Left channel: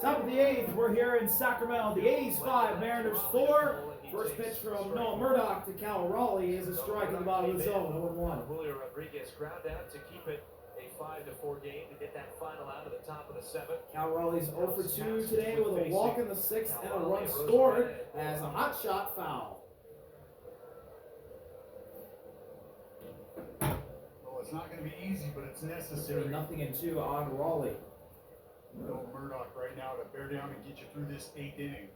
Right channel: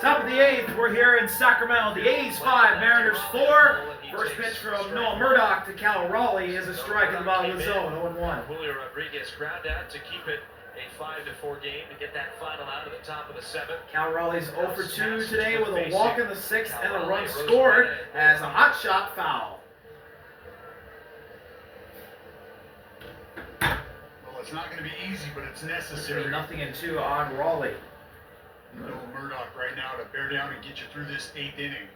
Top of the eighth, we're here in Sacramento. The A's 5, Mariners 4. First pitch from Noah Murdoch to Cal Raleigh is a strike in the bottom of the zone, 0-1. Julio Rodriguez ground out to keep it a 5-4 game to get that final out at the top of the seventh. Cal Raleigh's 0 for 2 today with a walk in the sixth and a run scored as a hot shot foul. Well, it's not going to be easy, but it's necessary. 0-2 on Raleigh. No Murdoch right now to bear down and get you through this 8th inning.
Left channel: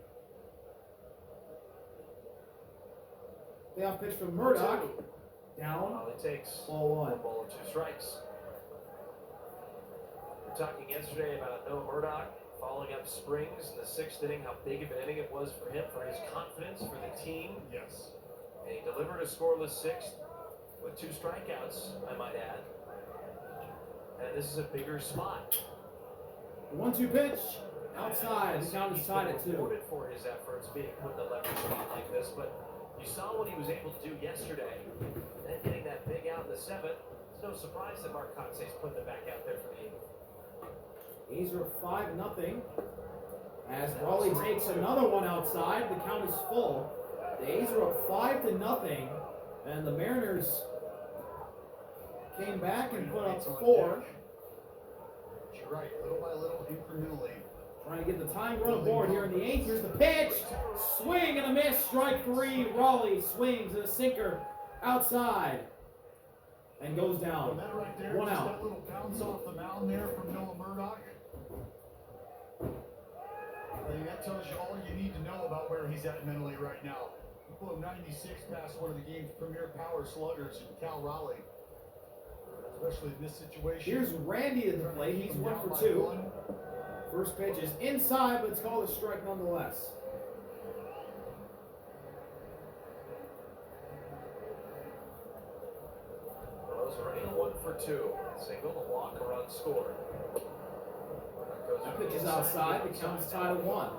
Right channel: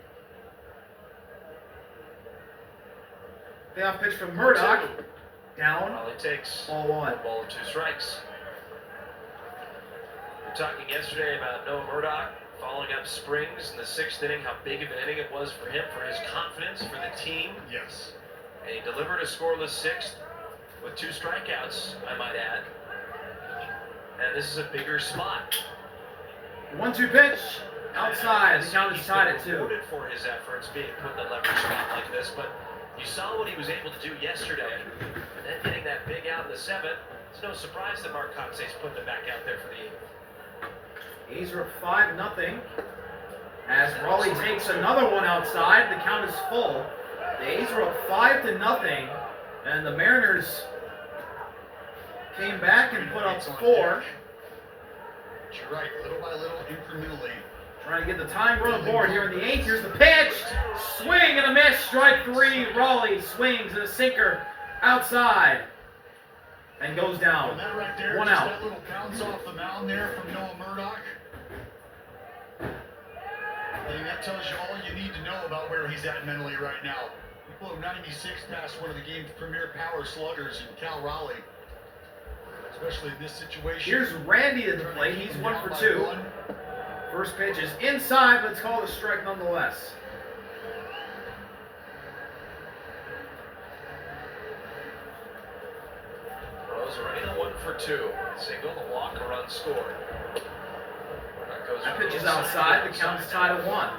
Payoff pitch from Murdoch. Down. Raleigh takes ball 1. 1 ball, 2 strikes. We were talking yesterday about Noah Murdoch following up Springs in the 6th inning, how big of an inning it was for him, for his confidence, for the team. Yes. And he delivered a scoreless 6th with 2 strikeouts, I might add. And this is a bigger spot. 1-2 pitch. Outside. The count is tied at 2. Rewarded for his efforts being put in a leverage spot like this, but you saw what he was able to do yesterday. And then getting that big out in the 7th, it's no surprise that Mark Coxey's putting it back out there for the 8th. A's are up 5-0. As Raleigh takes another one outside, the count is full. The A's are up 5-0, and the Mariners came back and put up 4. You're right, little by little, incrementally. Trying to get the time run aboard here in the 8th. Here's the pitch. Swing and a miss. Strike 3. Raleigh swings and a sinker outside and goes down. And that right there, 1 just out. that little bounce off the mound there from Noah Murdoch. I think that tells you all you need to know about where he's at mentally right now. He blew 96 past one of the game's premier power sluggers in Cal Raleigh. Especially in this situation. Here's Randy at the plate. He's 1 for 2. First pitch is inside, but it's called a strike nonetheless. Rosarena 1 for 2. Single, a walk, a run scored. That pitch is outside. The count is tied at 1.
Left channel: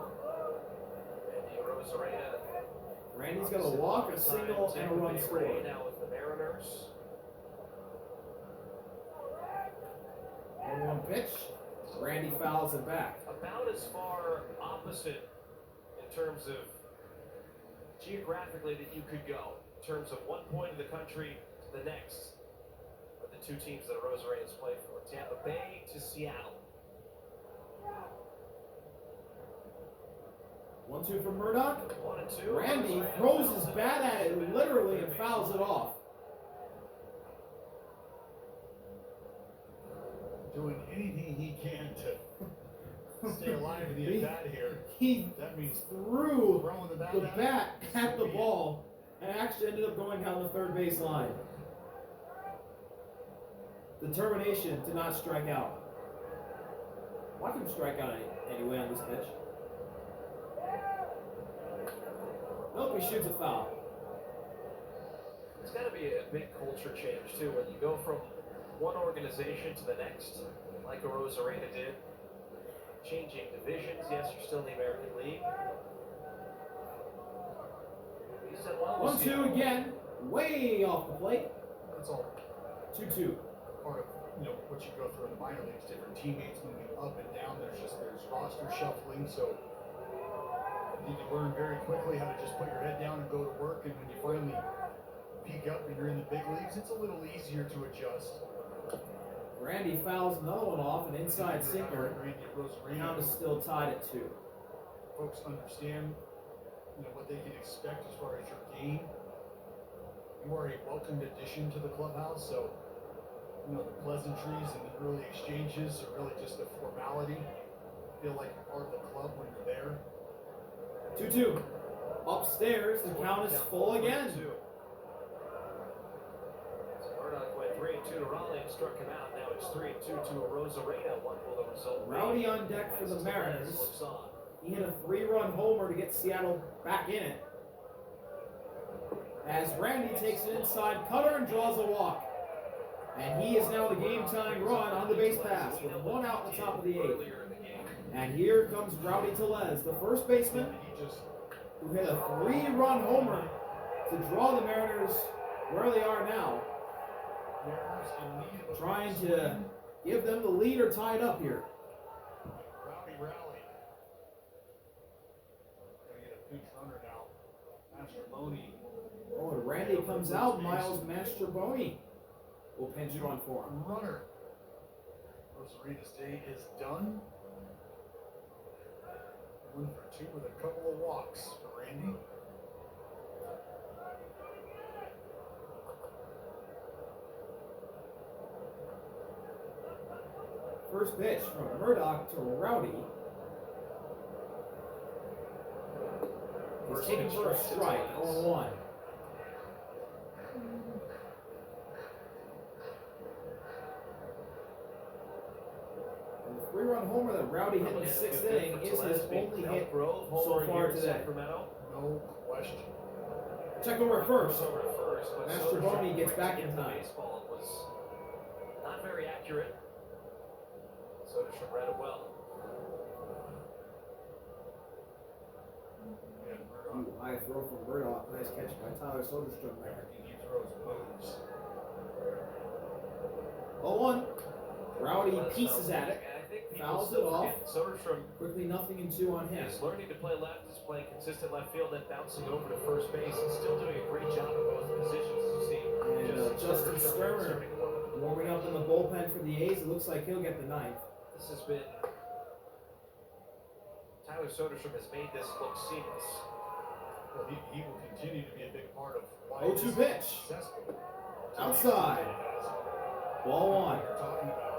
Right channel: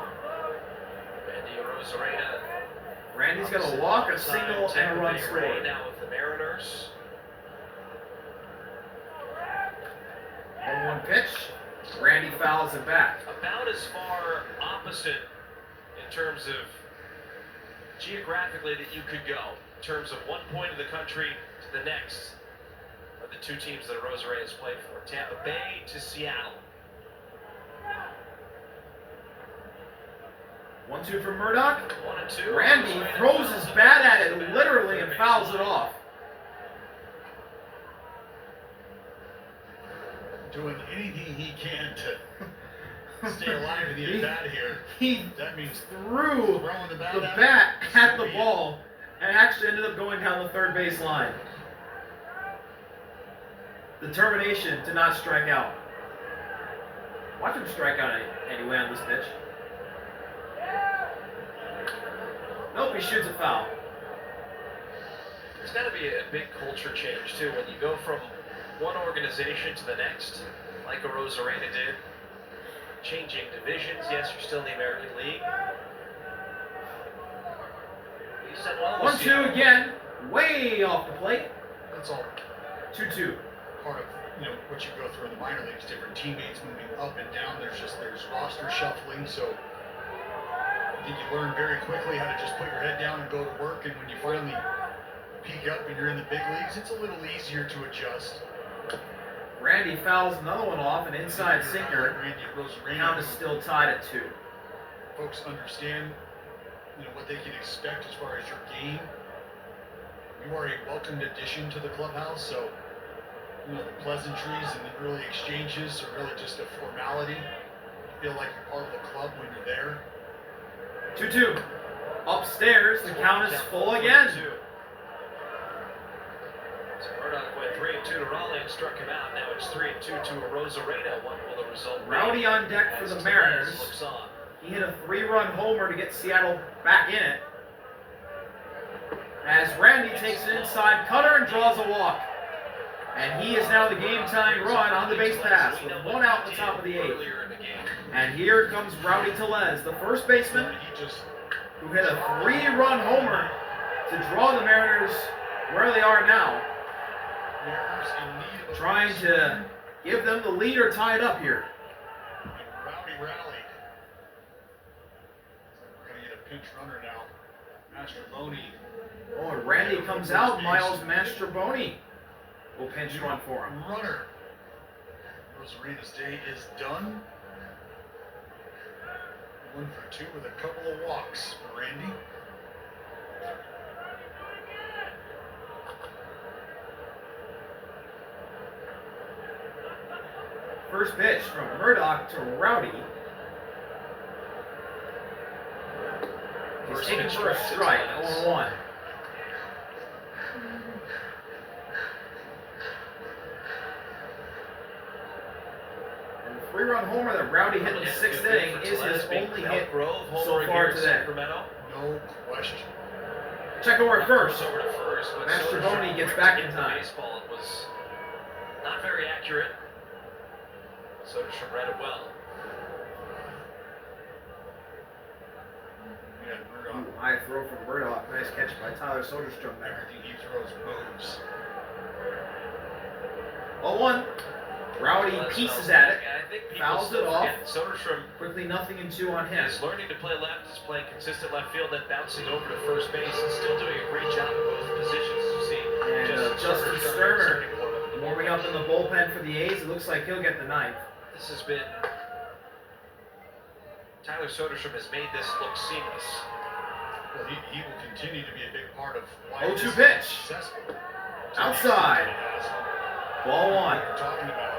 Randy Rosarena. Randy's got a walk, a single, and a run scored. Now with the Mariners. 1-1 pitch. Randy fouls it back. About as far opposite in terms of geographically that you could go, in terms of one point of the country to the next, of the 2 teams that Rosarena has played for. Tampa Bay to Seattle. 1-2 from Murdoch. 1-2. Randy throws his bat at it literally and fouls it off. Doing anything he can to stay alive in the at-bat here. That means threw the bat at the ball and actually ended up going down the third base line. Determination to not strike out. Watch him strike out anyway on this pitch. Nope, he shoots a foul. There's got to be a big culture change too when you go from one organization to the next, like a Rosarena did. Changing divisions. Yes, you're still in the American League. You said, well, 1-2 again, way off the plate. That's all 2-2. part of what you go through in the minor leagues. Different teammates moving up and down. There's roster shuffling. So I think you learn very quickly how to just put your head down and go to work. And when you finally peak up and you're in the big leagues, it's a little easier to adjust. Randy fouls another one off, an inside sinker. Count is still tied at 2. Folks understand, what they can expect as far as your game. You are a welcomed addition to the clubhouse, so the pleasantries and the early exchanges are really just a formality. You feel like you're part of the club when you're there. 2-2. Upstairs, the count is full again. Murdoch went 3-2 to Raleigh and struck him out. Now it's 3-2 to a Rosarena. What will the result be? Rowdy on deck for the Mariners. He hit a 3-run homer to get Seattle back in it. As Randy takes an inside cutter and draws a walk. And he is now the game-tying run on the base pass with 1 out in the top of the 8th. And here comes Rowdy Tellez, the first baseman, who hit a 3-run homer to draw the Mariners where they are now. Trying to give them the lead or tie it up here. Rowdy rallied. pinch runner now. Mastroboni. Oh, and Randy comes out. Miles Mastroboni will pinch run for him. Runner. Rosarena's day is done. 1 for 2 with a couple of walks for Randy. First pitch from Murdoch to Rowdy. He's taken for a strike, 0-1. And the 3-run homer that Rowdy hit in the 6th inning is his only hit so far today. Sacramento. No question. Check over at first. Over to first, but Mastroboni gets back in time. Baseball. It was not very accurate. Soderstrom read it well. Yeah, Ooh, Murdoch. high throw from Murdoch. Nice catch by Tyler Soderstrom there. Everything he throws moves. 0-1. Rowdy pieces at it. I think people Fouls still it off. forget Soderstrom Quickly 0-2 on him. is learning to play left, is playing consistent left field, then bouncing over to first base, and still doing a great job at both positions. You see, And Justin Sterner warming up in the bullpen for the A's. It looks like he'll get the 9th. This has been Tyler Soderstrom has made this look seamless. Well, he will continue to be a big part of why 0-2 this is pitch. successful. Outside. Ball 1. We're talking about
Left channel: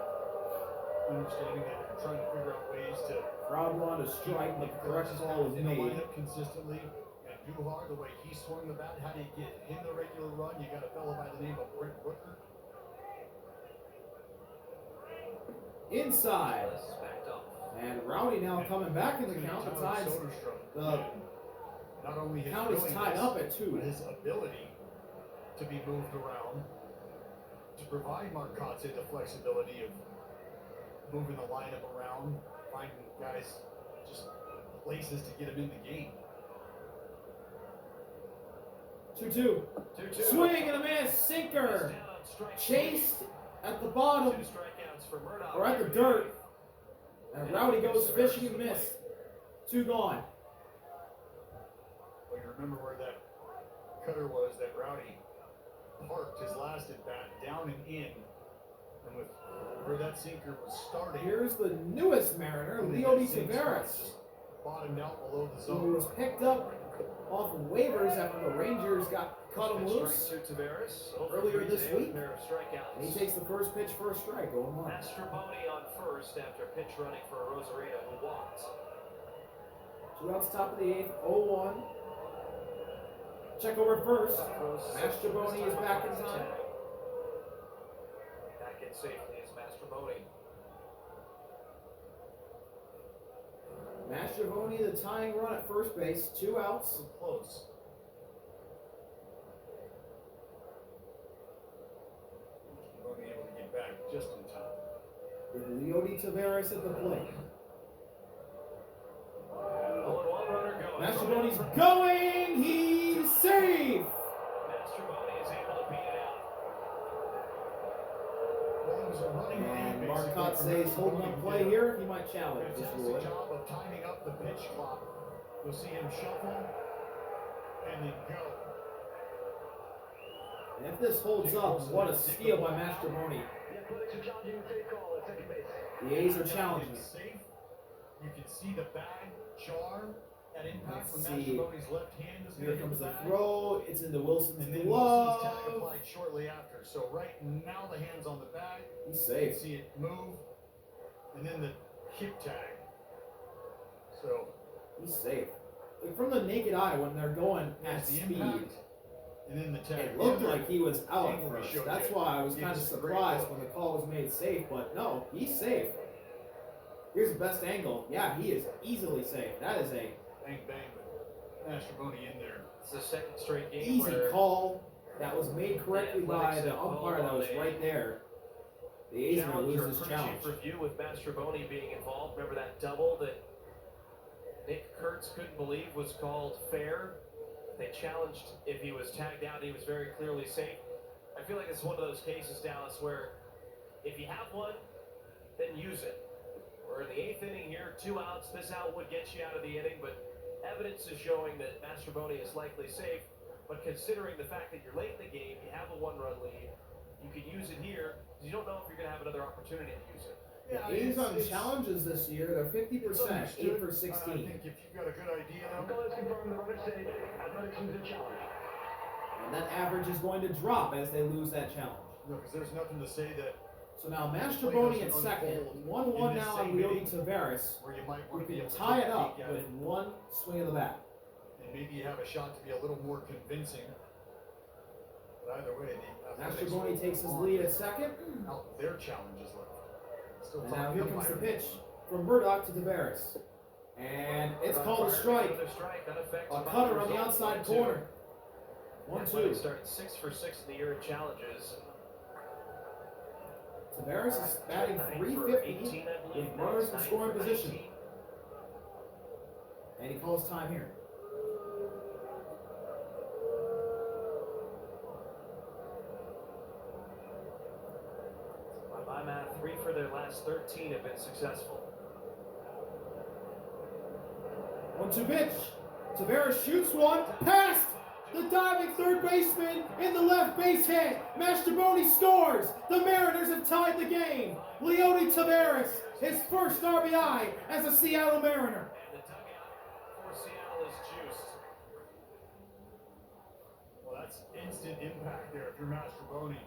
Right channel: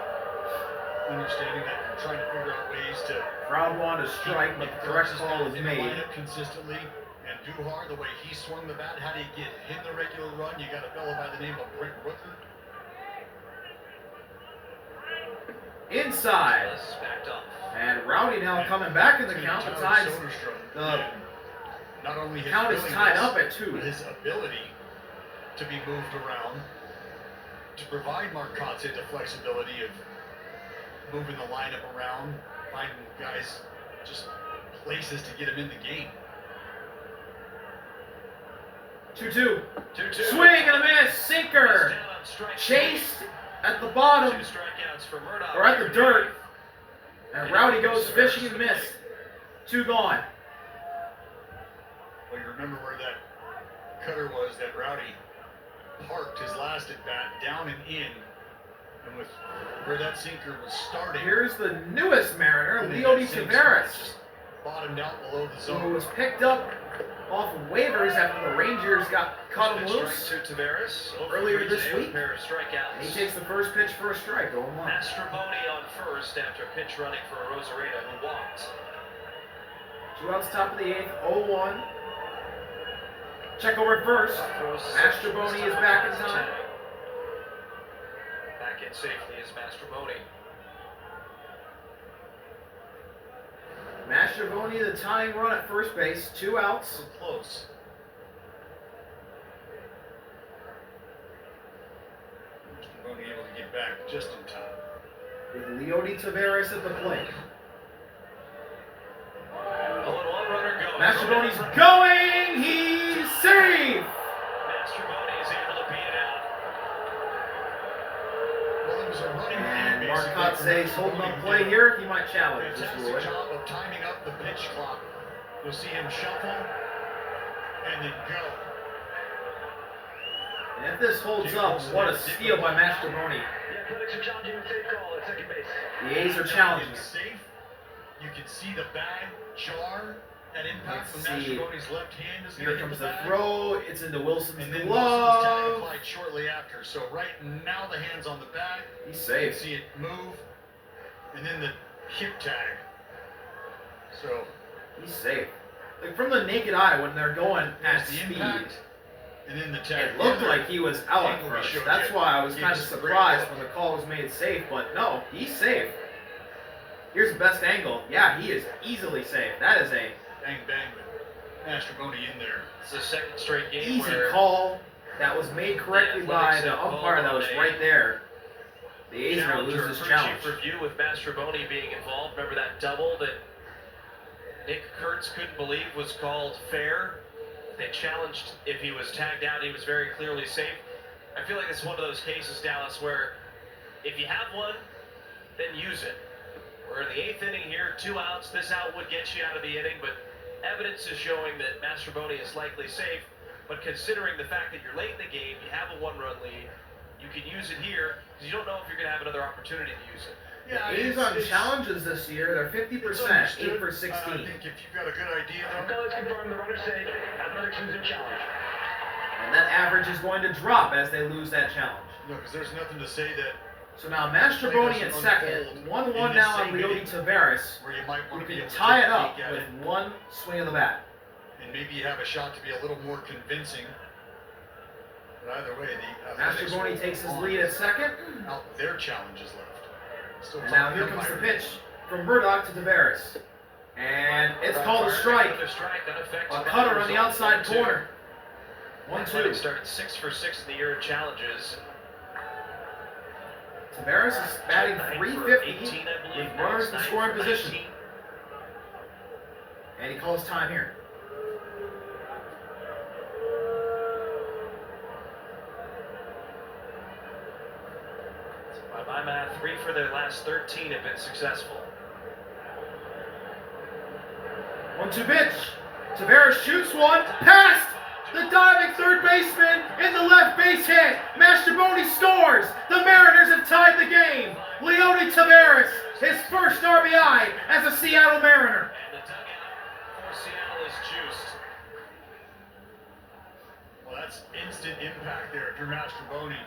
understanding that you're trying to figure out ways to Crowd wanted a strike, but the correct call was in the made. lineup consistently. And Duhar, the way he swung the bat, how do you get him the regular run? You got a fellow by the name of Brent Rooker. Inside. This is backed up. And Rowdy now coming back in the count. The tides. The not only his count is tied willingness, up at 2. but his ability to be moved around, to provide Mark Kotze the flexibility of moving the lineup around, finding guys just places to get him in the game. 2-2. 2-2. Swing and a miss. Sinker. Down on strike Chased at the bottom. 2 strikeouts for Murdoch. Or at the dirt. And Rowdy goes fishing and missed. 2 gone. Well, you remember where that cutter was that Rowdy parked his last at bat, down and in, and with where that sinker was starting. Here's the newest Mariner, Leody Taveras, Bottomed out below the who zone. was picked up off of waivers after the Rangers cut him loose Strike to Taveras earlier this week. Pair of strikeouts. And he takes the first pitch for a strike, 0-1. Mastroboni on first after pitch running for Rosarena, who walked. 2 outs, top of the 8th, 0-1. Check over at first. Mastroboni is back in time. Back in safely is Mastroboni. Mastroboni, the tying run at first base, 2 outs. So close. Mastroboni able to get back just in time. With Leody Taveras at the plate. 0-1 runner going. Mastroboni's going! He's safe! Mastroboni is able to beat it out. Well, it was a running And lead, Mark basically, Kotze from holding Mastroboni, on who play did here. He might a challenge this fantastic ruling. job of timing up the pitch clock. You'll see him shuffle and then go. And if this holds up, what a steal by Mastroboni. Yeah, critics are challenging the safe call at second base. The A's are challenging It's it. safe. You can see the bag jar at impact Let's when see. Mastroboni's left hand is Here going to comes hit the bag. throw. It's into Wilson's And then Wilson's tag glove. applied shortly after. So right now the hand's on the bag. He's You can safe. see it move. And then the hip tag. So He's safe. Like from the naked eye, when they're going at there's the speed, impact. And then the tag. it looked The other like he was out at angle we first. showed That's you why I was gives kind of us a great surprised look. when the call was made safe. But no, he's safe. Here's the best angle. Yeah, he is easily safe. That is a Bang bang with Mastroboni in there. It's the second straight game easy where call that was made correctly by the umpire that was right there. The A's are going to lose this for challenge. chief review with Mastroboni being involved. Remember that double that Nick Kurtz couldn't believe was called fair? They challenged if he was tagged out, he was very clearly safe. I feel like it's one of those cases, Dallas, where if you have one, then use it. We're in the 8th inning here, 2 outs. This out would get you out of the inning, but Evidence is showing that Mastrobuoni is likely safe, but considering the fact that you're late in the game, you have a 1-run lead, you can use it here because you don't know if you're going to have another opportunity to use it. Yeah, A's on challenges this year, they're 50%, 8 for 16. I think if you've got a good idea, Let's confirm the runner safe. Athletics is a challenge. And that average is going to drop as they lose that challenge. no, because there's nothing to say that So now Mastrobuoni at second, 1-1 now on Leody Tavares. where you might You want to be can able to tie take it a up peek at with it, one swing of the bat. and maybe you have a shot to be a little more convincing. But either way, the Athletics Mastrobuoni will takes his on lead at second. out their challenges left. Still And now talking here to comes the Myron. pitch from Murdoch to Tavares. And it's called a strike. A cutter on the outside corner. 1-2. Started 6 for 6 in the year of challenges. Tavares is batting 350 with runners in scoring position. And he calls time here. By my math, 3 for their last 13 have been successful. 1-2 pitch. Tavares shoots one. Past the diving third baseman in the left base hit. Mastrobuoni scores. The Mariners have tied the game. Leody Tavares, his first RBI as a Seattle Mariner. And the dugout for Seattle is juiced. Well, that's instant impact there if you're Mastrobuoni.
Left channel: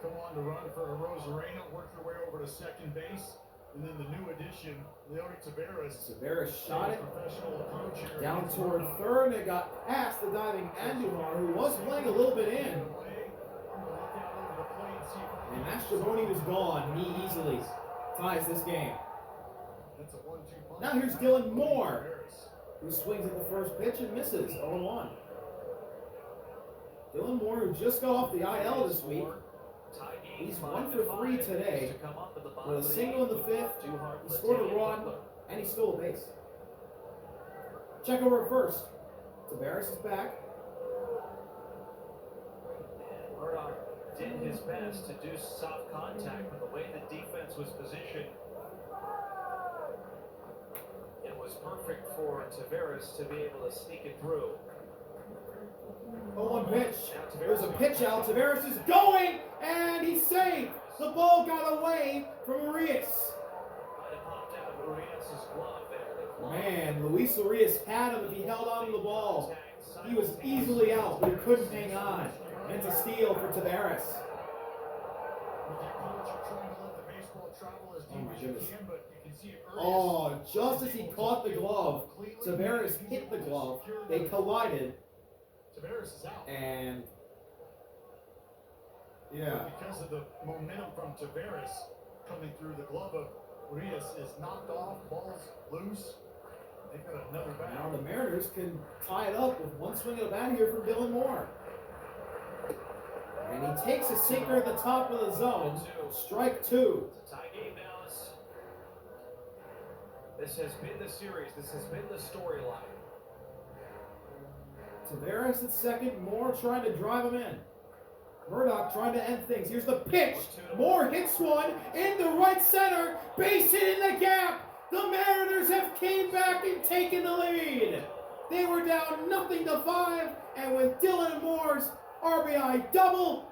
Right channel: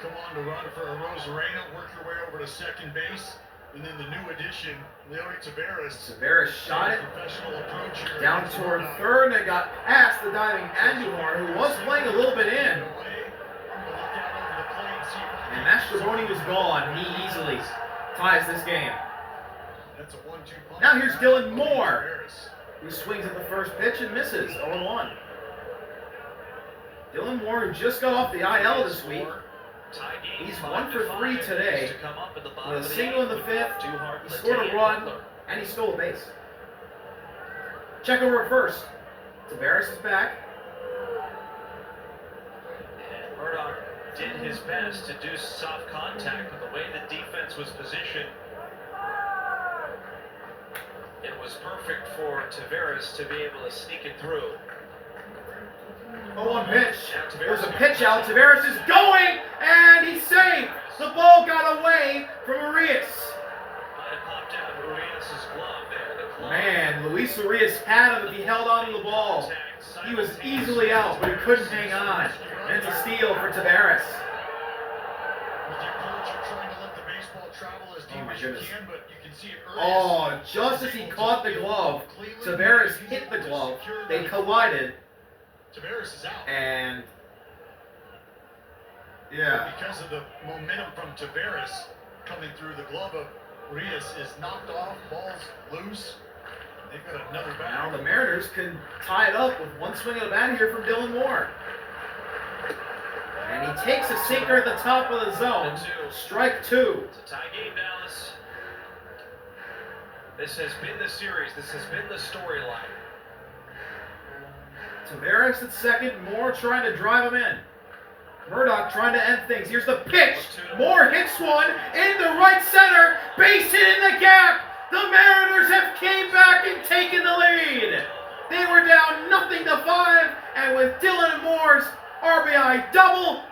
Come on to run for a Rosarena, work your way over to second base, and then the new addition, Leody Tavares. Tavares shot it Professional approach here. down toward third, and it got past the diving Andujar, who was playing a little bit in. And Mastrobuoni was gone. He easily ties this game. That's a 1-2 punch. Now here's Dylan Moore, Tavares. who swings at the first pitch and misses 0-1. Dylan Moore, who just got off the IL this week. He's 1 for 3 today, with a single in the fifth. He scored a run, and he stole a base. Check over at first. Tavares is back. And Murdoch did his best to do soft contact, but the way the defense was positioned, it was perfect for Tavares to be able to sneak it through. 0-1 pitch. There's a pitch out. Tavares is going, and he's safe. The ball got away from Urias. Might have popped out of Urias' glove there. The glove. Man, Luis Urias had him if he held on to the ball. He was easily out, but he couldn't hang on. And it's a steal for Tavares. With the approach, you're trying to let the baseball travel as deep Oh my as you goodness. can, but you can see it early. Oh, just as he caught the glove, Tavares hit the glove. They collided, Tavares is out. and yeah. Because of the momentum from Tavares coming through, the glove of Urias is knocked off, ball's loose. They've got another back. Now the Mariners can tie it up with one swing of the bat here from Dylan Moore. And he takes a sinker at the top of the zone. Strike 2. It's a tie game, Dallas. This has been the series. This has been the storyline. Tavares at second, Moore trying to drive him in. Murdoch trying to end things. Here's the pitch. Moore hits one into right center. Base hit in the gap. The Mariners have came back and taken the lead. They were down 0-5, and with Dylan Moore's RBI double,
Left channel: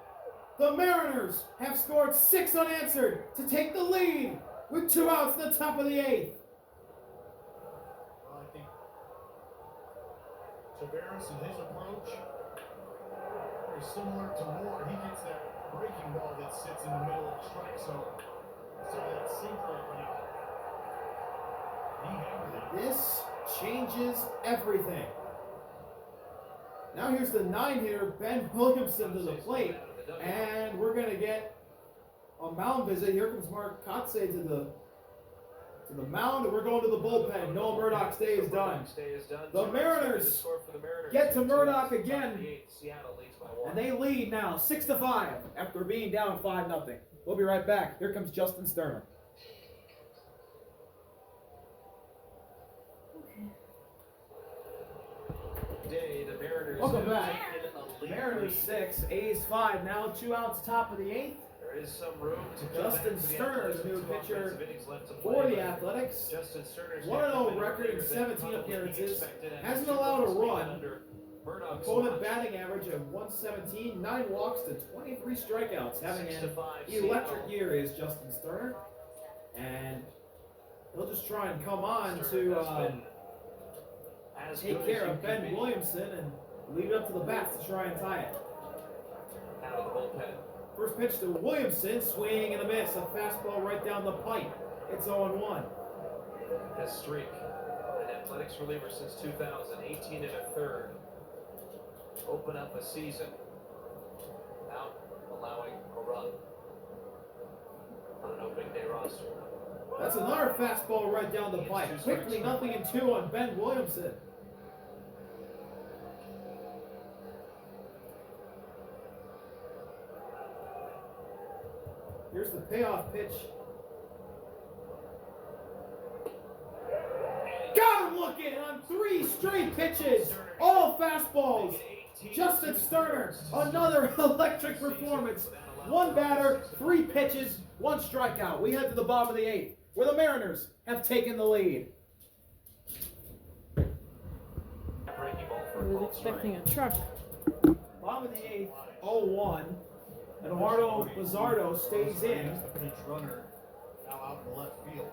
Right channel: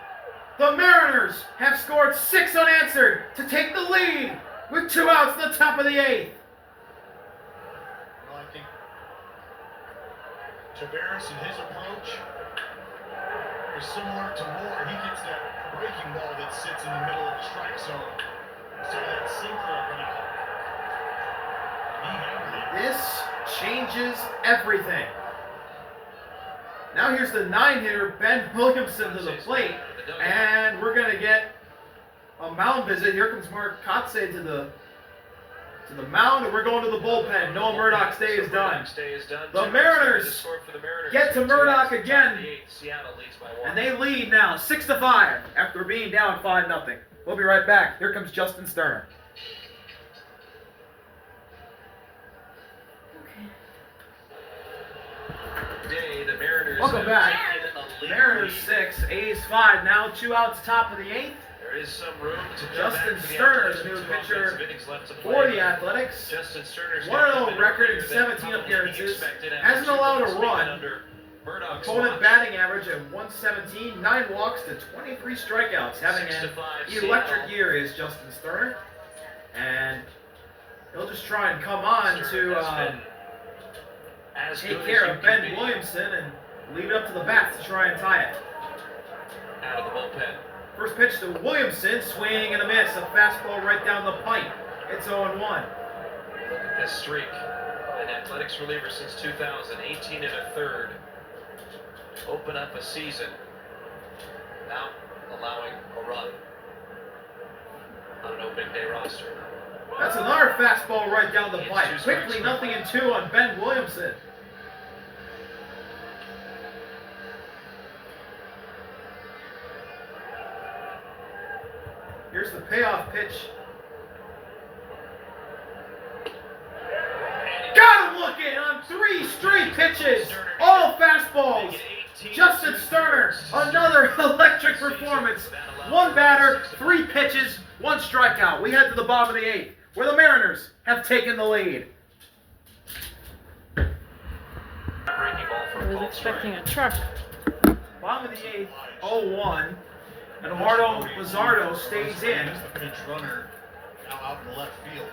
the Mariners have scored 6 unanswered to take the lead with 2 outs in the top of the 8th. Well, I think Tavares and his approach is similar to Moore. He gets that breaking ball that sits in the middle of the strike zone. So that sinker up and out. He handled it. This changes everything. Now here's the 9-hitter, Ben Williamson, to the plate, and we're gonna get a mound visit. Here comes Mark Kotze to the mound, and we're going to the bullpen. Noah Murdoch's day is done. The Mariners get to Murdoch again, and they lead now 6-5 after being down 5-0. We'll be right back. Here comes Justin Sterner. Welcome back. Mariners 6, A's 5. Now 2 outs, top of the 8th. There is some room to Justin Sterner, the new pitcher for for the Athletics. Justin Sterner's 1-0 record in 17 appearances. Hasn't allowed a run. Opponent batting average of 117, 9 walks to 23 strikeouts. Having an electric year is Justin Sterner. And he'll just try and come on to take care of Ben Williamson and leave it up to the bats to try and tie it. Out of the bullpen. First pitch to Williamson, swing and a miss. A fastball right down the pipe. It's 0-1. Look at this streak. An Athletics reliever since 2018 and a third. Open up a season without allowing a run on an opening day roster. That's another fastball right down the pipe. Quickly, 0-2 on Ben Williamson. Here's the payoff pitch. Got him looking on 3 straight pitches. All fastballs. Justin Sterner, another electric performance. 1 batter, 3 pitches, 1 strikeout. We head to the bottom of the 8th, where the Mariners have taken the lead. I was expecting a truck. Bottom of the 8th, 0-1. Eduardo Luzardo stays in. The pinch runner now out in the left field.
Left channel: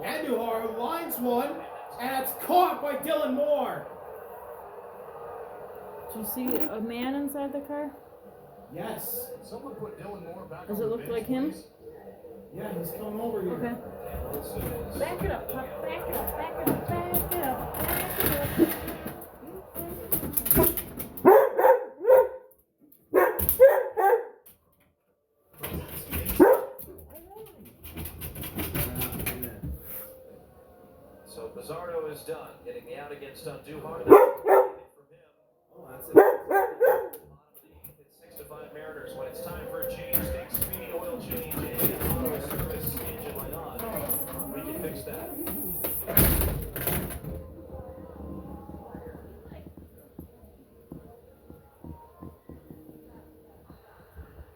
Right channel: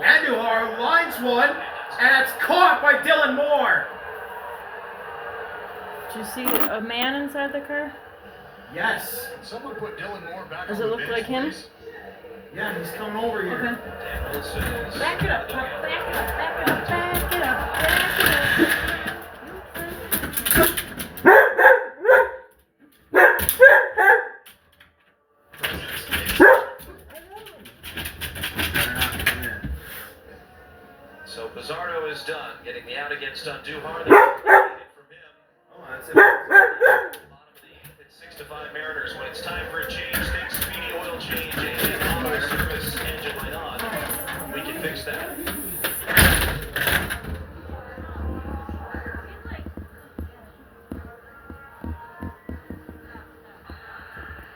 Andujar lines one, and it's caught by Dylan Moore. Did you see a man inside the car? Yes. Can someone put Dylan Moore back Does on it the look bench, like him? please? Yeah, he's coming over here. Okay. Back it up, truck. Back it up, back it up, back it up, back it up. So Bizarro is done, getting the out against Andujar. Oh, that's it. It's 6-5 Mariners. When it's time for a change, think Speedy Oil Change and auto service engine light on. We can fix that.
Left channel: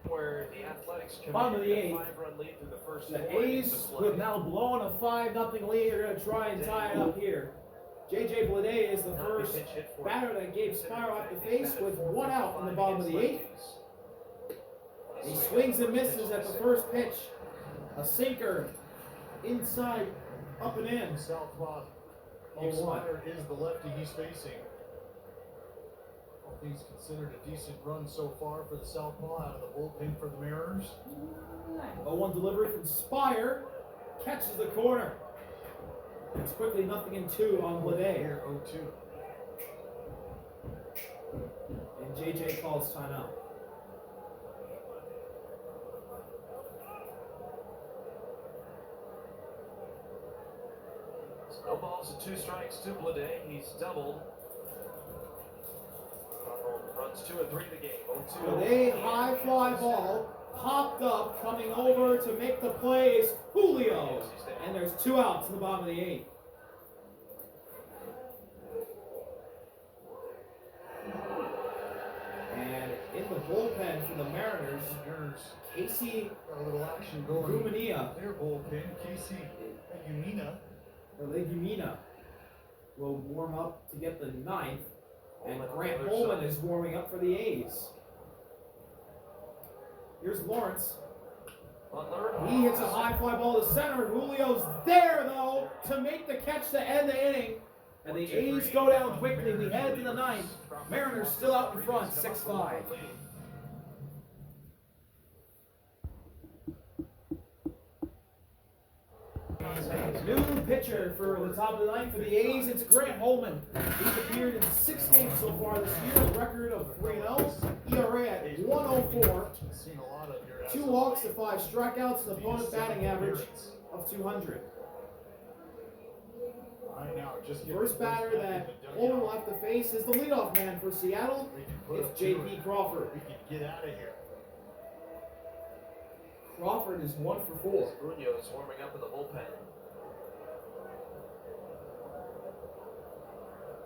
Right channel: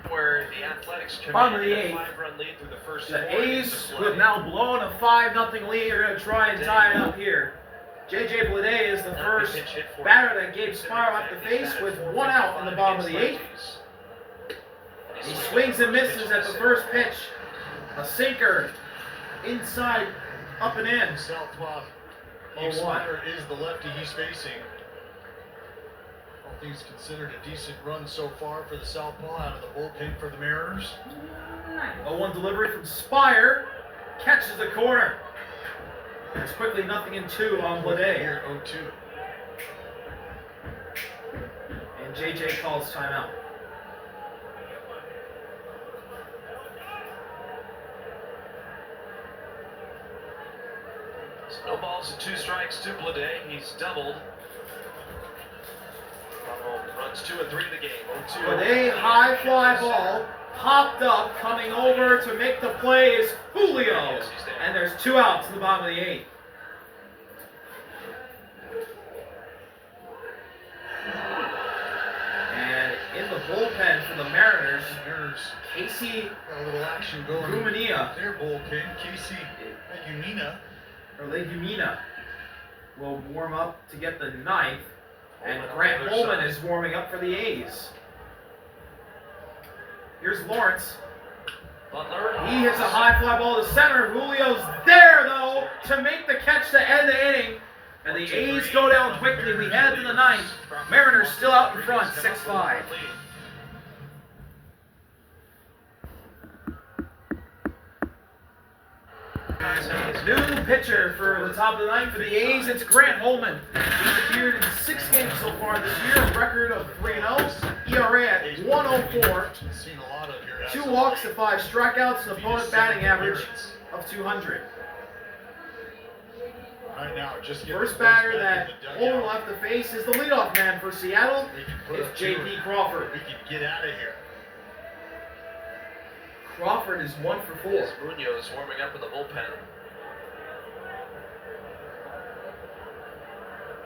Where the Athletics Bottom of the commanded a 8th. 5-run lead through the first The 4 A's, who have now blown a 5-0 lead, are going to try and tie it up here. J.J. Bleday is the first batter that gave Spiral off the face with 1 out in the bottom of the 8th. He swings and misses at the first pitch. A sinker inside, up and in. Southpaw. 0-1. Spider is the lefty he's facing. All things considered, a decent run so far for the Southpaw out of the bullpen for the Mariners. 0-1 delivery from Spire. Catches the corner. It's quickly 0-2 on Bleday. Here, 0-2. And JJ calls timeout. No balls and 2 strikes to Bleday. He's doubled. Runs 2 and 3 in the game. 0-2. Bleday, high fly ball, popped up, coming over to make the play is Julio. And there's 2 outs in the bottom of the 8th. And in the bullpen for the Mariners, Casey Got a little action going. Gumania, Their bullpen, Casey Legumina, will warm up to get the 9th. And Grant Holman is warming up for the A's. Here's Lawrence. Butler. He hits a high fly ball to center. Julio's there, though, to make the catch to end the inning. And the A's go down quickly. We head to the 9th. Mariners still out in front, 6-5. New pitcher for the top of the 9th for the A's, it's Grant Holman. He's appeared in 6 games so far this year, a record of 3-0, ERA at 104, 2 walks to 5 strikeouts, an opponent batting average of 200. Right now, just First batter that Holman will have to face is the leadoff man for Seattle. It's J.P. Crawford. We can get out of here. Crawford is 1 for 4. Munoz warming up in the bullpen.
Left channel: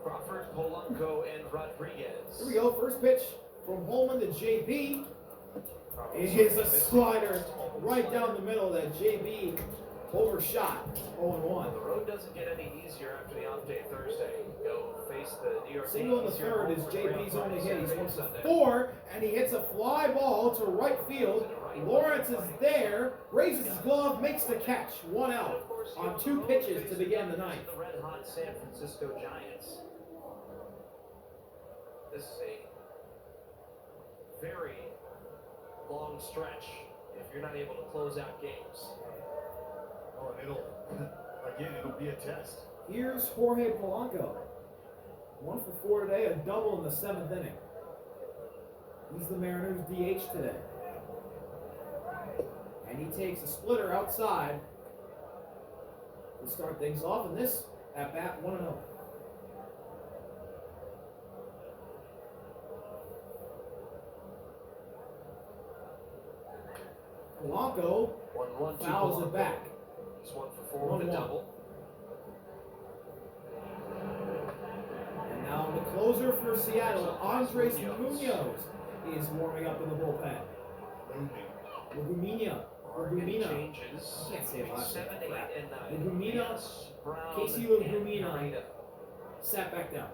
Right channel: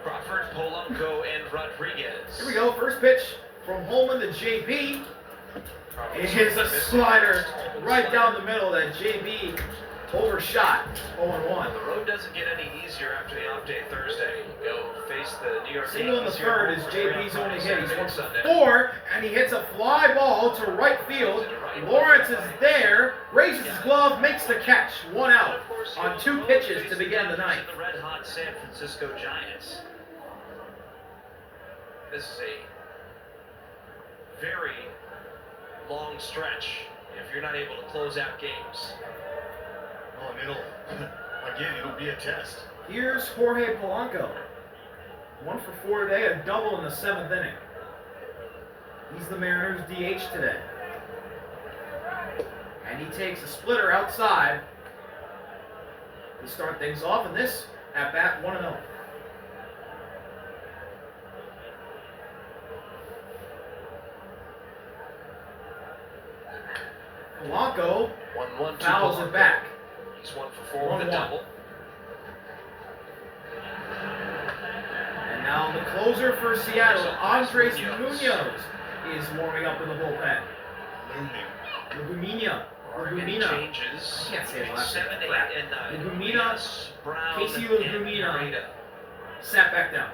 Crawford, Polanco, and Rodriguez. Here we go, first pitch from Holman to J.P. Probably It is a missing slider open right slider. down the middle that JB overshot. 0-1. Well, the road doesn't get any easier after the off day Thursday. You go face the New York Single in the Yankees here third at is home for three on JB's Friday, only hit. He's Saturday, 1 and for Sunday. 4, and he hits a fly ball to right field. Lawrence is there, raises his glove, makes the catch. 1 out on 2 pitches to begin the ninth. The red hot San Francisco Giants. This is a very long stretch if you're not able to close out games. Oh, and it'll be a test. Here's Jorge Polanco. 1 for 4 today, a double in the 7th inning. He's the Mariners' DH today. And he takes a splitter outside to start things off, and this at bat 1-0. Polanco 1-1 to fouls Polanco. it back. He's 1 for 4 with a 1-1. double. And now the closer for Seattle, Andres Munoz, is warming up in the bullpen. Looming. Legumina. Oregon Legumina. changes. I can't say his last name. 7, 8, Crap. and 9. Legumina, Yes, Brown, Casey and Legumina. Narita. Sat back down.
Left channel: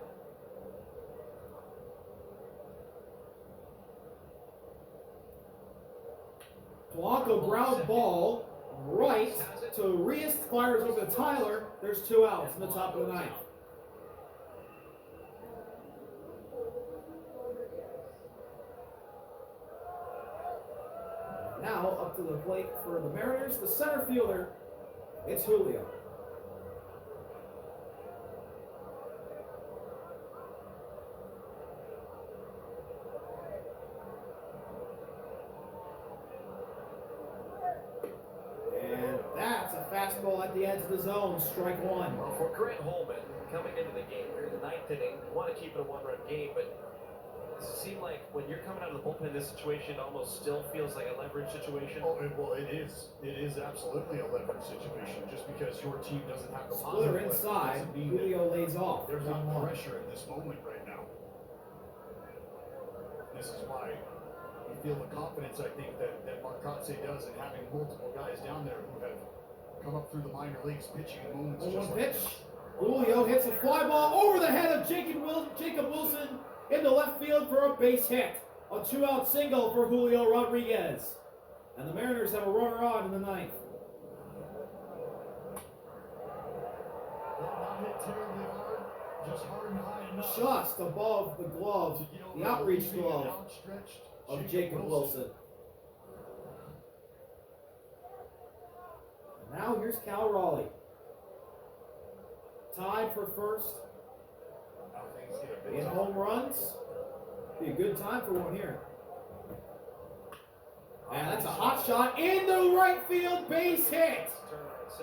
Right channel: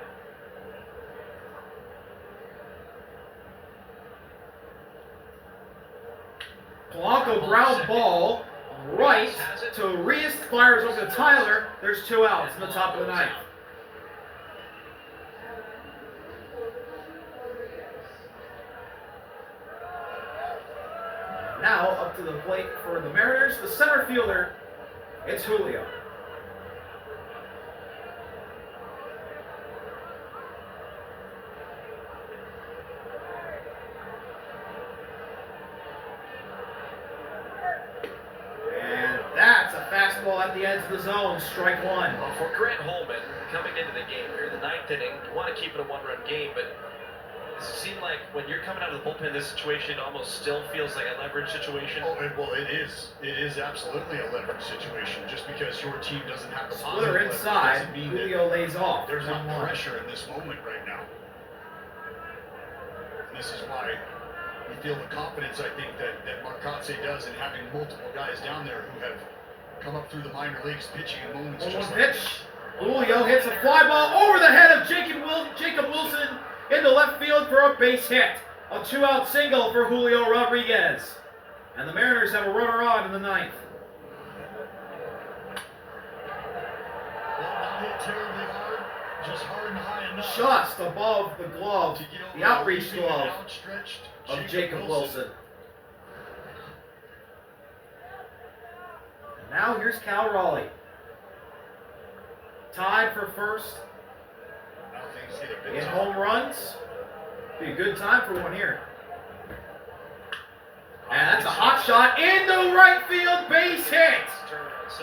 Polanco ground ball right to Reyes, fires over to Tyler. There's 2 outs in the top of the ninth. Now up to the plate for the Mariners, the center fielder, it's Julio. And that's a fastball at the edge of the zone, strike 1. Well, for Grant Holman, coming into the game here in the 9th inning, you want to keep it a 1-run game, but does it seem like when you're coming out of the bullpen, this situation almost still feels like a leverage situation? Oh, well, it is. It is absolutely a leverage situation. Just because your team doesn't have the Splitter positive inside, leverage doesn't mean that Julio lays off. there's not 1-1. pressure in this moment right now. And this is why we feel the confidence, I think, that Marcotte does in having multiple guys down there who have come up through the minor leagues pitching in moments 1-1 just like pitch. this. Julio hits a fly ball over the head of Jacob Wilson into left field for a base hit. A 2-out single for Julio Rodriguez. And the Mariners have a runner on in the 9th. Well, not hit terribly hard, just hard and high enough Just above the glove, to get over the outreach leaping glove and outstretched of Jacob Wilson. And now here's Cal Raleigh. Tied for first Now things get a bit in tough. home runs. Be a good time for one here. And that's a hot shot into right field, base hit.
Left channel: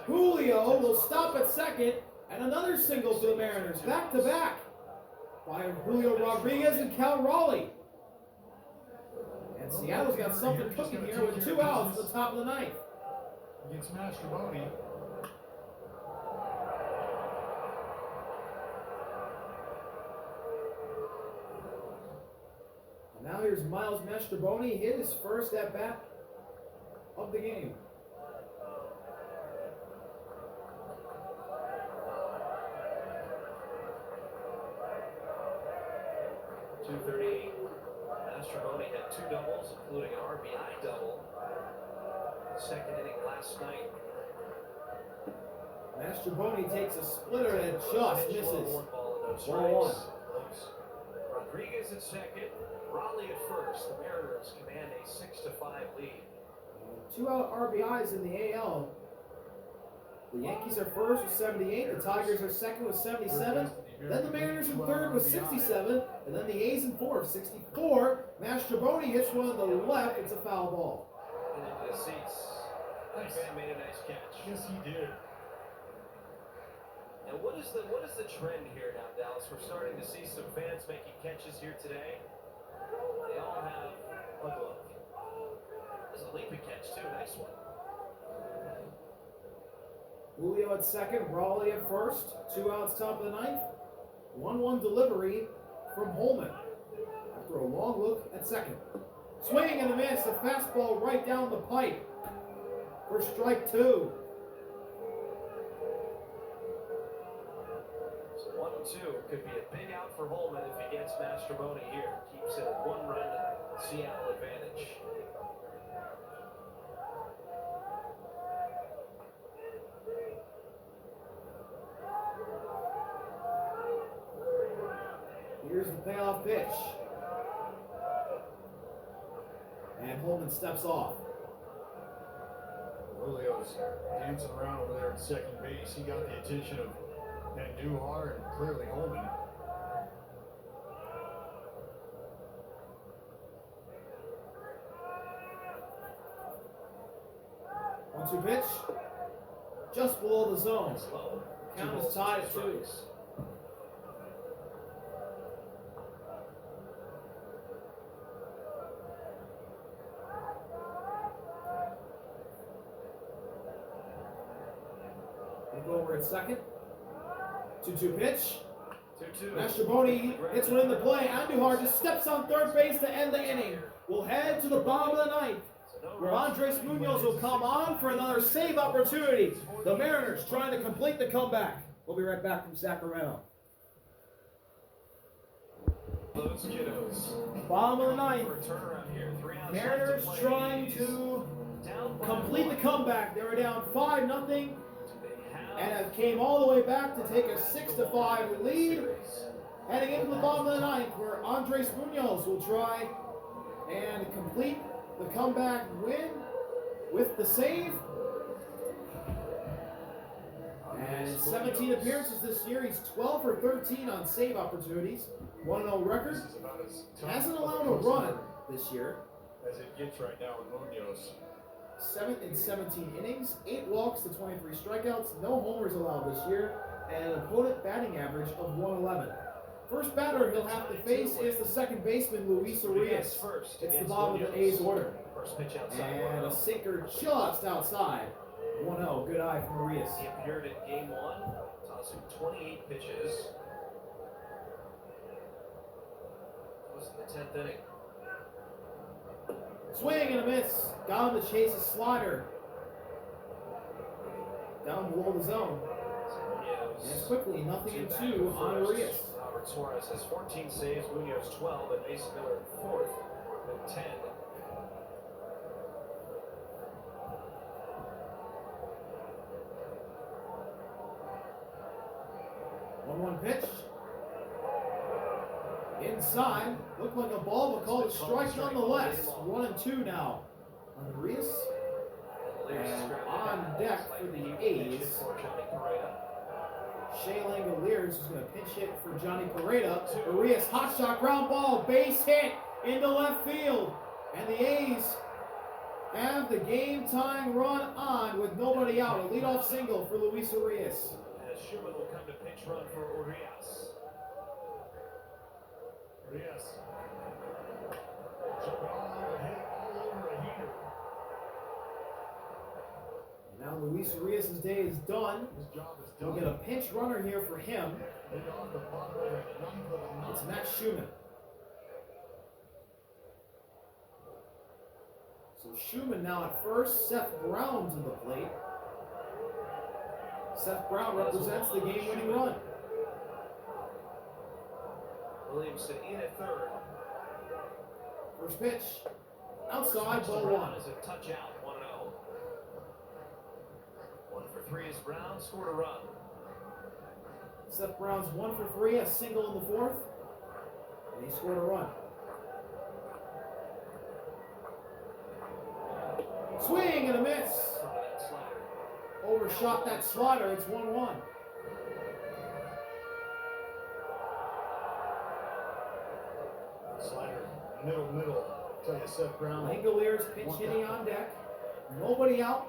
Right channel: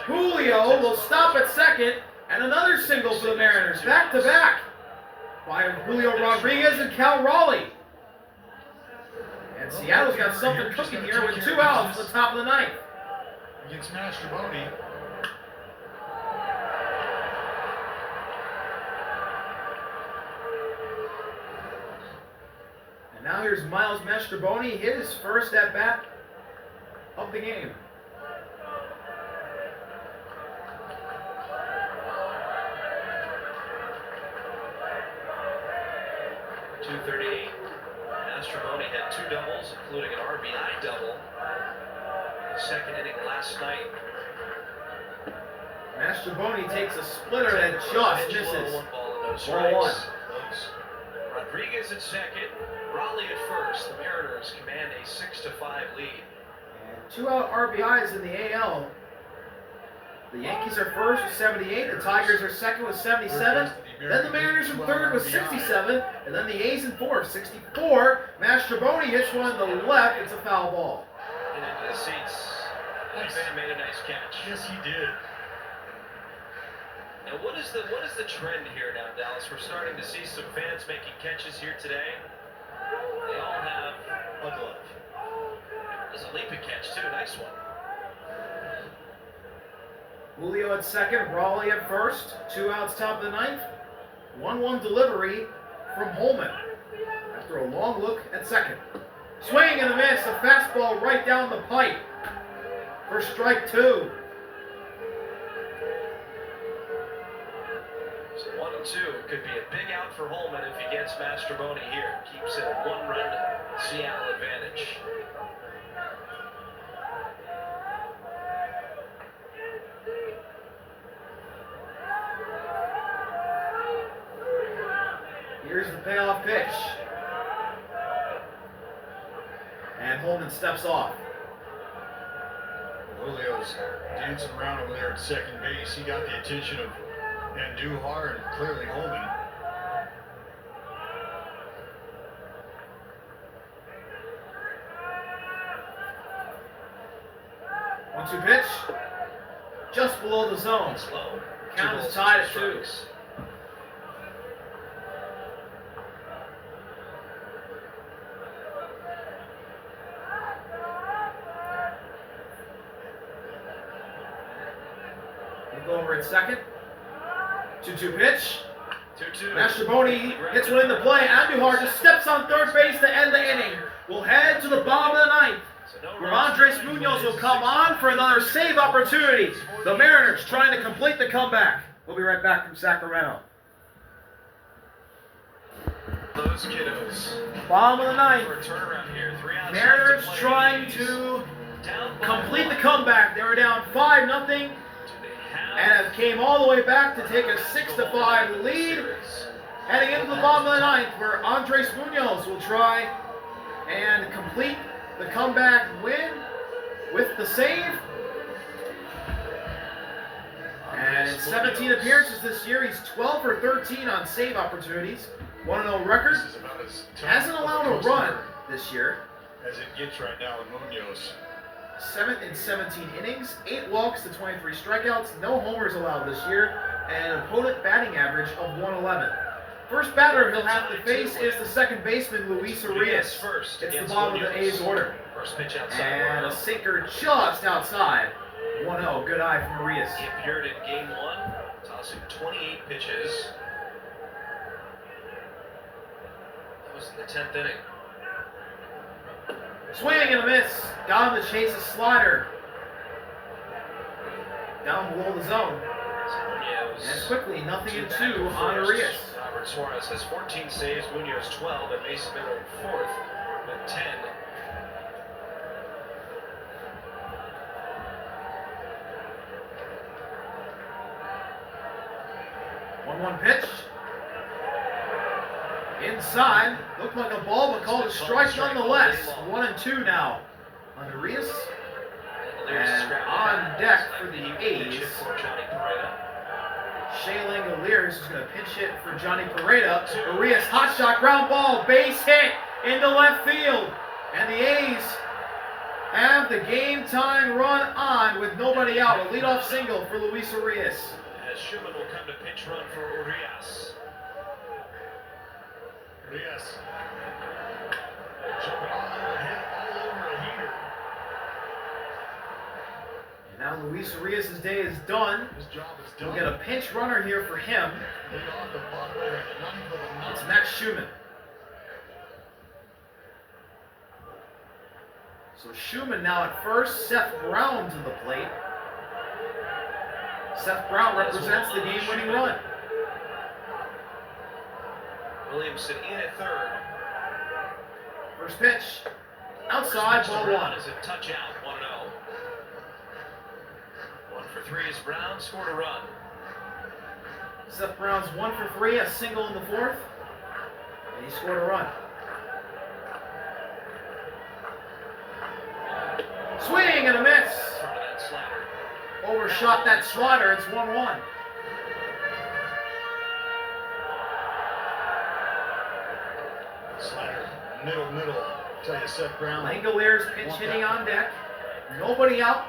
Julio will stop at second, and another single for the Mariners, back to back, by Julio Rodriguez and Cal Raleigh. And Seattle's got something cooking here with 2 outs at the top of the 9th. Against Mastrobuoni. And now here's Miles Mastrobuoni, his first at bat of the game. .238. Mastrobuoni had 2 doubles, including an RBI double. Second inning last night. Mastrobuoni takes a splitter that just misses. 1 ball and no Ball strikes. 1. Close. Rodriguez at second, Raleigh at first. The Mariners command a 6-5 lead. And 2 out RBIs in the AL. The Yankees are first with 78, the Tigers are second with 77, then the Mariners in third with 67, and then the A's in fourth, 64. Mastrobuoni hits one in the left, it's a foul ball. And into the seats. Nice. Van made a nice catch. Yes, he did. Now what is the trend here now, Dallas? We're starting to see some fans making catches here today. They all have a glove. There's a leaping catch too, nice one. Julio at second, Raleigh at first, 2 outs top of the 9th. 1-1 delivery from Holman after a long look at second. Swing and a miss. A fastball right down the pipe for strike 2. So 1-2 could be a big out for Holman if he gets Mastroboni here. Keeps it a 1-run Seattle advantage. Here's the payoff pitch. And Holman steps off. Julio's dancing around over there at second base. He got the attention of Andujar and clearly Holman. One-two pitch. Just below the zone. Slow. Count 2 is tied balls, at 2 2. strikes. We'll go over at second. 2-2 pitch. 2-2. Mastroboni hits one into play. Andujar just steps on third base to end the inning. We'll head to the bottom of the ninth, where Andres Munoz will come on for another save opportunity. The Mariners trying to complete the comeback. We'll be right back from Sacramento. Those kiddos. Bottom of the ninth. For a turnaround here. 3 outs. Mariners trying to complete the comeback. They were down 5-0 and have came all the way back to take a 6-5 lead. Heading into the bottom of the ninth, where Andres Munoz will try and complete the comeback win with the save. And in 17 appearances this year, he's 12 for 13 on save opportunities. 1-0 record. This is about as tough Hasn't allowed a run this year. as it gets right now with Munoz. 7 in 17 innings, 8 walks to 23 strikeouts, no homers allowed this year, and an opponent batting average of 111. First batter he'll have to face is the second baseman, Luis Arias. It's the bottom of the A's order. First pitch outside. And a sinker just outside. 1-0, good eye from Arias. He appeared in game 1, tossing 28 pitches. That was in the 10th inning. Swing and a miss. Got him to chase a slider. Down below the zone. And quickly, 0-2 on Arias. Robert Suarez has 14 saves, Munoz 12, and Mason Miller in 4th with 10. One pitch. Inside. Looked like a ball, but called a strike nonetheless. 1-2 now on Arias. And on deck for the A's, Shea Langoliers is going to pinch hit for Johnny Pareda. Arias, hot shot, ground ball, base hit into left field. And the A's have the game tying run on with nobody out. A leadoff single for Luis Arias. As Schumann will come to pinch run for Urias. Yes. Jumping all over a heater. And now Luis Arias' day is done. His job is done. We'll get a pinch runner here for him. Lead off the bottom of the ninth with a It's knock. Max Schumann. So Schumann now at first. Seth Brown to the plate. Seth Brown represents the game-winning run. Williamson in at 3rd. First pitch. Outside, ball 1. Is a touch out, 1-0. 1 for 3 is Brown, scored a run. Seth Brown's 1 for 3, a single in the 4th. And he scored a run. Swing and a miss. Front of that slider. Overshot that slider. It's 1-1. Slider, middle. Tell you, Seth Brown. Langoliers pinch hitting on deck. Nobody out.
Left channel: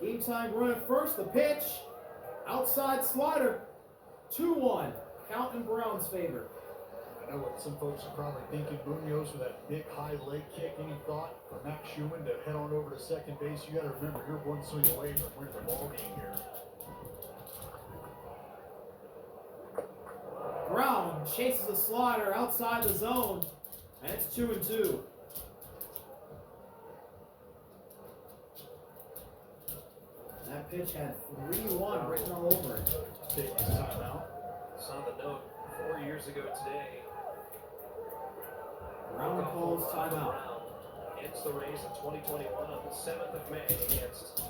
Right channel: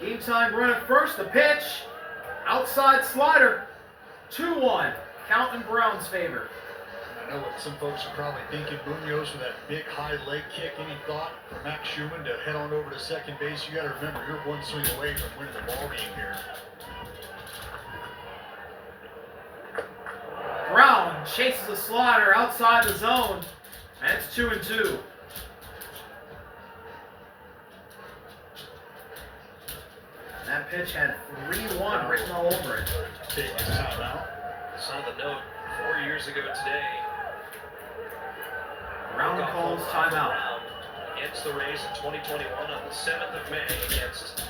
Game time run at first. The pitch. Outside slider. 2-1. Count in Brown's favor. I know what some folks are probably thinking. Munoz with that big high leg kick. Any thought for Max Schumann to head on over to second base? You got to remember, you're one swing away from winning the ball game here. Brown chases a slider outside the zone. And it's 2-2. pitch had 3-1 written all over it. Taking his time out. Saw the note 4 years ago today. Brown calls timeout. Against the Rays in 2021 on the 7th of May against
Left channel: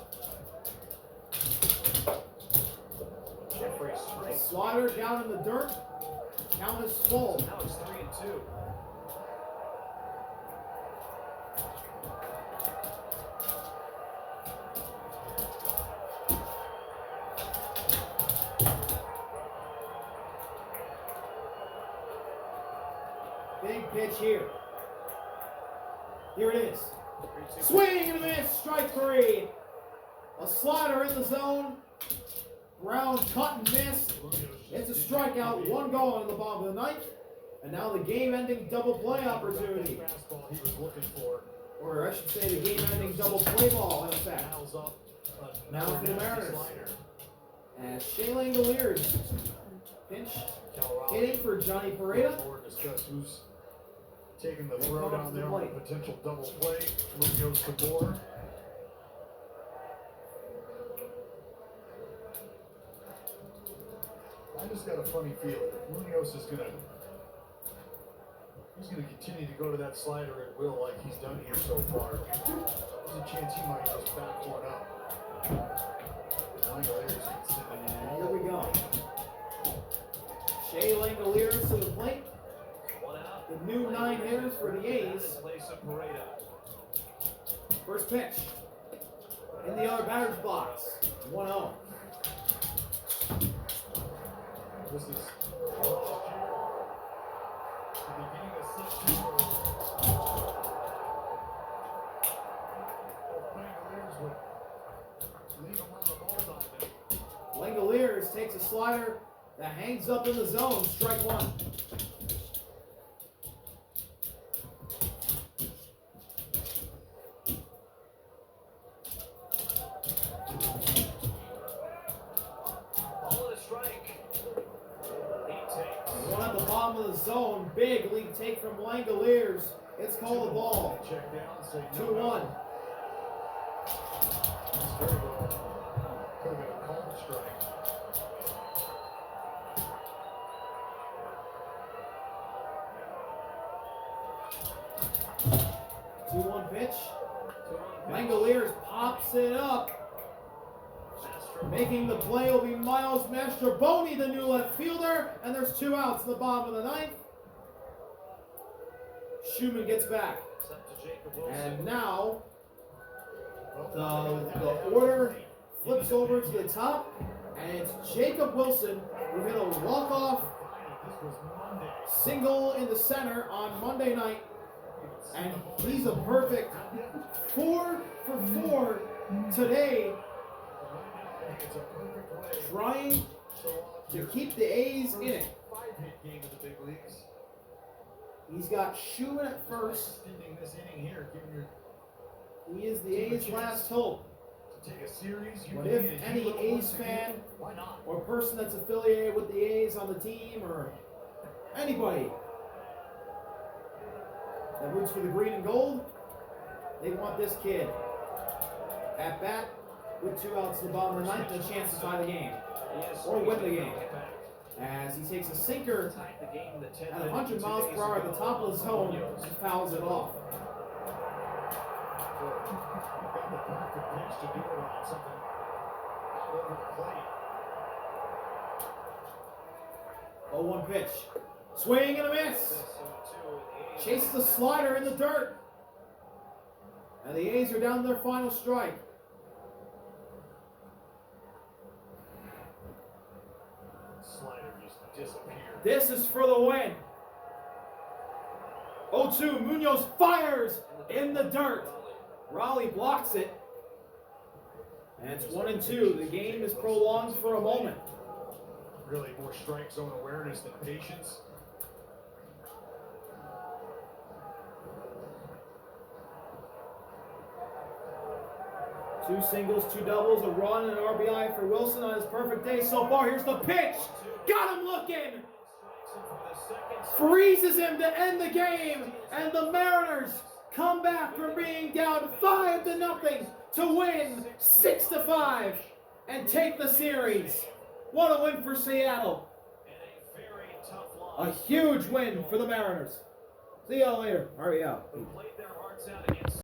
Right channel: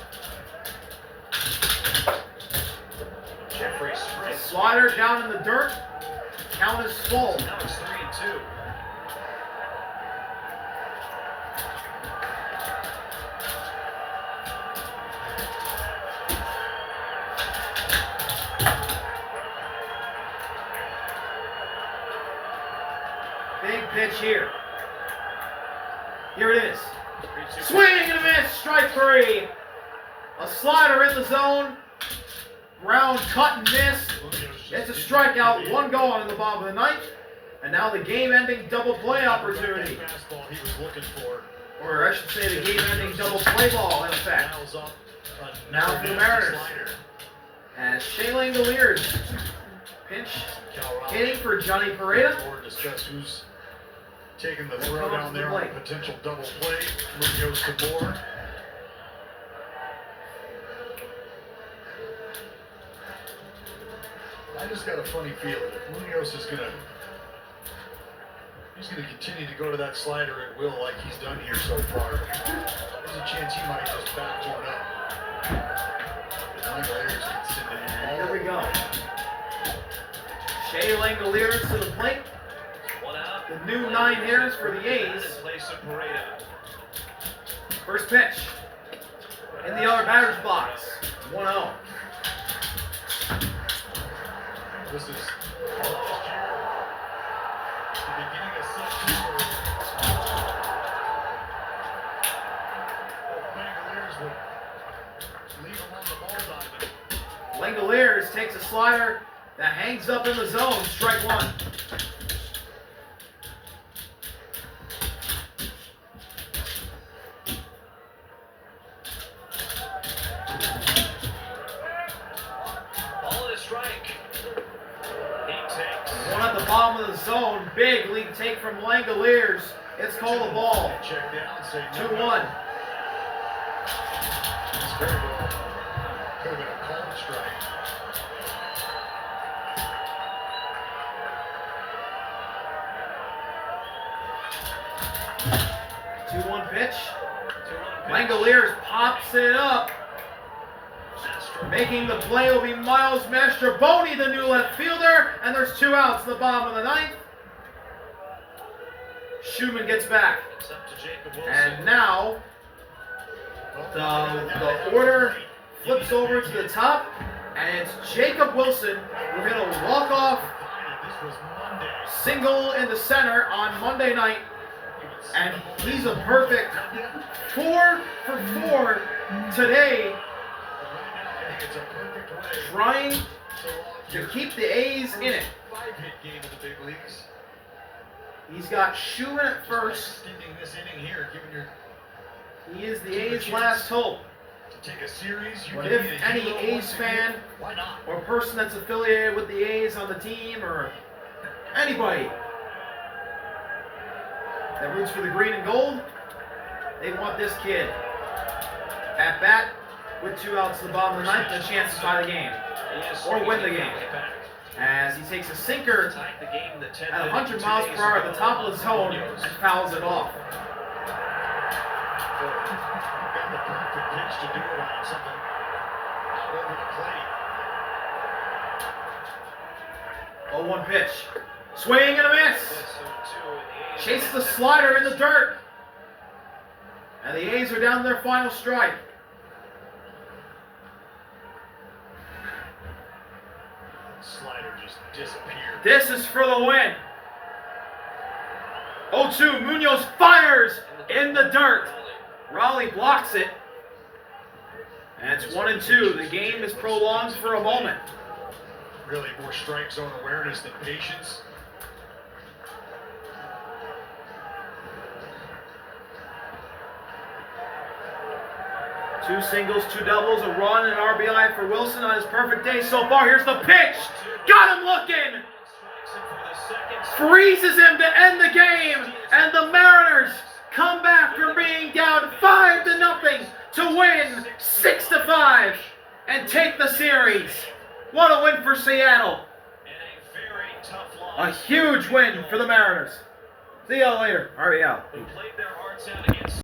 Jeffrey Springs. Slider down in the dirt. Count is full. Now it's 3-2. Big pitch here. Here it is. 3-2. Swing and a miss. Strike 3. A slider in the zone. Brown cut and miss. It's a strikeout. 1 gone in the bottom of the ninth. And now the game-ending double play opportunity. Fastball he was looking for. Or I should say the game-ending double play ball in effect. Dials up Now for the Mariners. slider. As Shea Langoliers pinch hitting for Johnny Pareda. Or discuss who's taking the They'll throw come up down to the there on a plate. potential double play. Munoz to Moore. I just got a funny feeling if Munoz is he's gonna continue to go to that slider at will like he's done here so far. There's a chance he might just back one up. Langoliers can send it And in. here we go. Shea Langoliers to the plate. One out. The new 9 hitters for the A's. In place of Pareda. First pitch. In the other batter's box. 1-0. This is last year, the beginning of September. Langoliers would leave him on the ball diamond. Langoliers takes a slider that hangs up in the zone. Strike 1. Ball and a strike. He takes. One at the bottom of the zone. Big lead take from Langoliers. It's called a ball. Check down, say no. 2-1. It's very well. Could have been a called strike. Two-one pitch. 2-1 pitch. Langoliers pops it up. Making the play will be Miles Mastrobuoni, the new left fielder, and there's 2 outs in the bottom of the ninth. Schumann gets back, It's up to Jacob Wilson. and now the order flips over to the top, and it's Jacob Wilson who hit a walk-off This was Monday. single in the center on Monday night, and he's a perfect 4 for 4 today, It's a perfect way. trying So to keep the A's in it. 5-hit game of the big leagues. He's got Schumann at first. Extending this inning here, giving your He is the A's last hope. to take a series. You What can if be a any hero A's once a year. fan Why not? or person that's affiliated with the A's on the team or anybody that roots for the green and gold, they want this kid at bat with 2 outs in the bottom of the ninth and a chance to tie the game or win the game. As he takes a sinker Tied the game the 10th at inning 100 miles 2 days per hour at ago. the top of the zone and fouls it off. Got the perfect pitch to do it on something out over the plate. 0-1 pitch. Swing and a miss. Chase the slider in the dirt. And the A's are down to their final strike. Slider just disappeared. This is for the win. 0-2, Munoz fires in the dirt. Raleigh blocks it. And it's 1-2. The game is prolonged for a moment. Really more strike zone awareness than patience. Two singles, 2 doubles, a run, and RBI for Wilson on his perfect day so far. Here's the pitch. Got him looking. Freezes him to end the game. And the Mariners come back from being down 5-0 to win 6-5. and take the series. What a win for Seattle. And a very tough A loss. huge win for the Mariners. See y'all later. RBI. Who played their hearts out against